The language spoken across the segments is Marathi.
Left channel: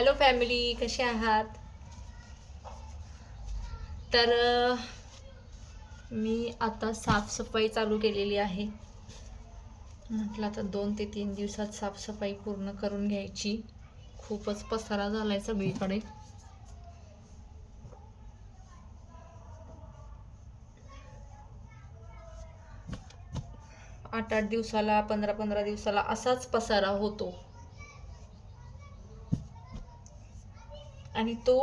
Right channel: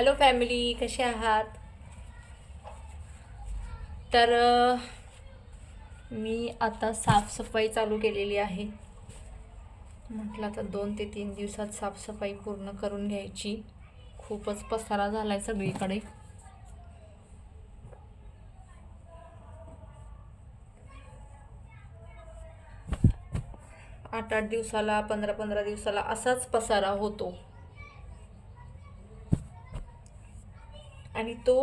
हॅलो फॅमिली, कसे आहात? तर मी आता साफसफाई चालू केलेली आहे. म्हटलं आता 2 ते 3 दिवसात साफसफाई पूर्ण करून घ्यायची. खूपच पसारा झालाय सगळीकडे. आठ 8 दिवसाला 15 दिवसाला असाच पसारा होतो आणि तो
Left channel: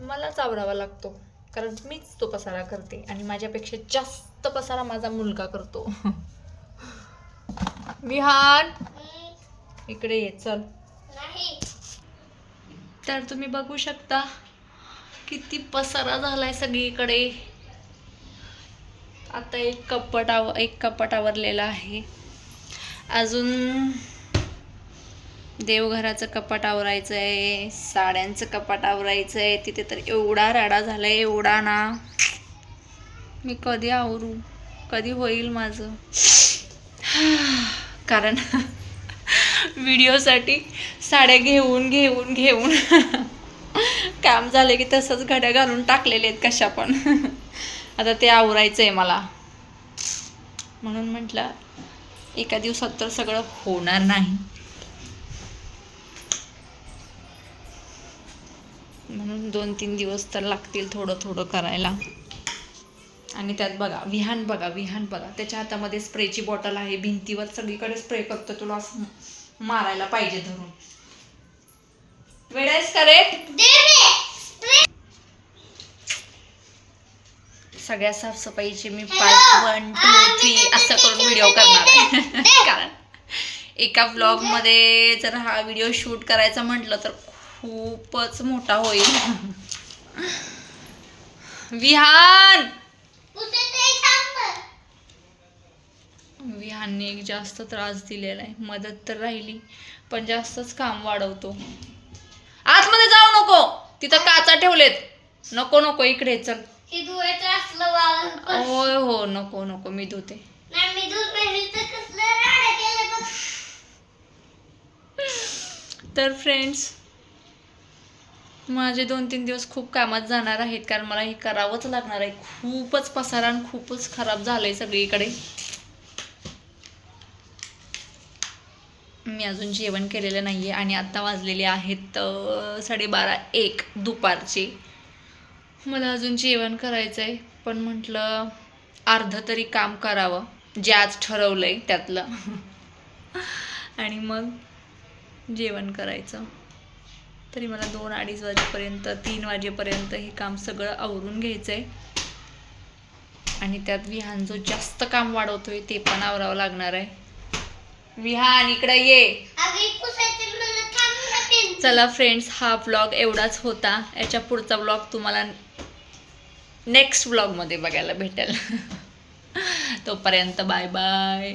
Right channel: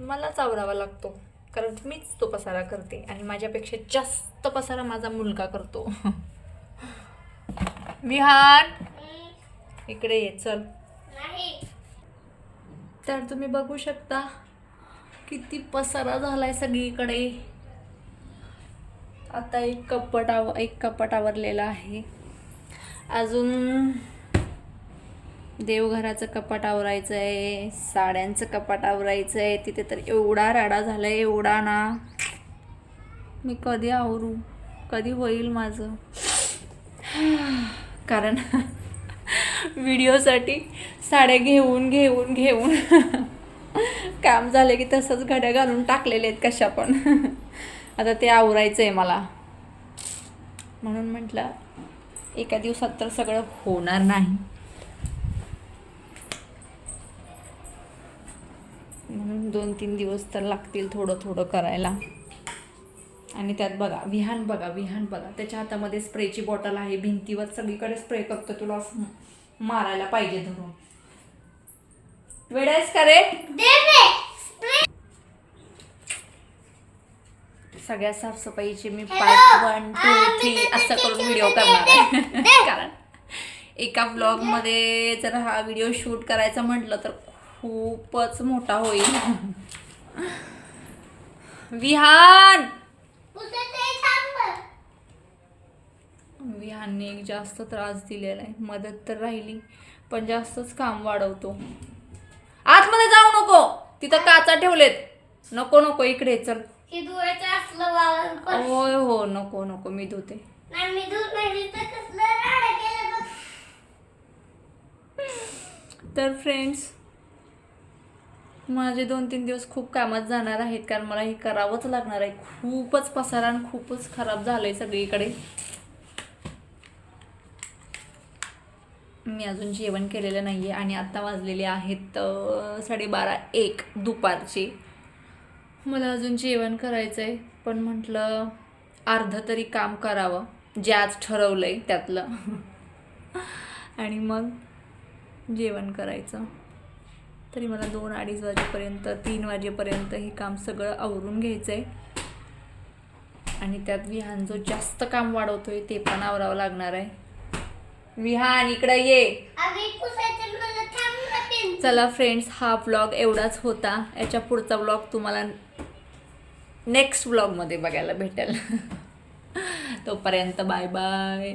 मलाच आवरावा लागतो, कारण मीच तो पसारा करते आणि माझ्यापेक्षा जास्त पसारा माझा मुलगा करतो. विहान, इकडे ये चल. तर तुम्ही बघू शकता किती पसारा झालाय सगळीकडे. आता एक कपाट आवरलेला आहे. अजून देवघराचं कपाट आवरायचं आहे, साड्यांचं कपाट आवरायचं आहे. तिथे तर एवढा राडा झालाय, एवढा ना. मी कधी आवरू, कधी होईल माझं. कारण व्हिडिओसाठी साड्या घेऊन काम झाले की तसंच घड्या घालून टाकलेले आहेत कशा पण. आता ते आवरायचं आहे मला, म्हणून म्हटलं एका दिवसात तर सगळं होणार नाही, म्हणून 2-3 दिवस तर लागतील थोडं थोडं करायला. आणि त्यात विहान बघा त्याच्या हातामध्ये स्प्रेची बॉटल आहे. भिंतीवर सगळीकडे स्प्रे करतो. तुला असं मारायला पाहिजे धरून. वेळेस करे सगळ्या साफसफाईचे मी पार्ट 1, 2, 3 असं करून व्हिडिओ करणार आहे. कारण एका व्लॉगमध्ये जर हा व्हिडिओ शूट करायचा म्हटलं तर खूपच मोठा होईल. विहानने एक जास्त त्रास दिलेला आहे. मदत तर राहिली पण जास्तच काम वाढवतो. आतमध्ये जाऊ नको, तिथं काचा ठेवलेत. नको इकडे चल. होय हो, नको मी धुते. तर फ्रेंड्स, माझे 2-3 दिवस खूप कामात जाणार आहेत, कारण मला हे करावंच लागणार आहे. खूपच पसारा आणि खूपच खराब झालंय सगळीकडे. मी अजून जेवण केलेलं नाही आहे आणि आत्ता वाजलेले आहेत 12:30-1 दुपारचे. मला अजून जेवण करायचं आहे, पण म्हटलं अर्धं तरी काम करावं जे आज ठरवलं आहे त्यातलं. आणि मग जेवण करायचं. तरी मला 2-2:30 वाजेपर्यंत 3 वाजेपर्यंत हे काम सगळं आवरून घ्यायचं आहे. आणि त्यात विहान जो जास्त काम वाढवतोय ते पण आवरावं लागणार आहे. विहान इकडे ये. चला फ्रेंड्स, हा व्लॉग एवढाच होता. याच्या पुढचा व्लॉग तुम्हाला नेक्स्ट व्लॉगमध्ये बघायला भेटेल. तोपर्यंत बाय बाय.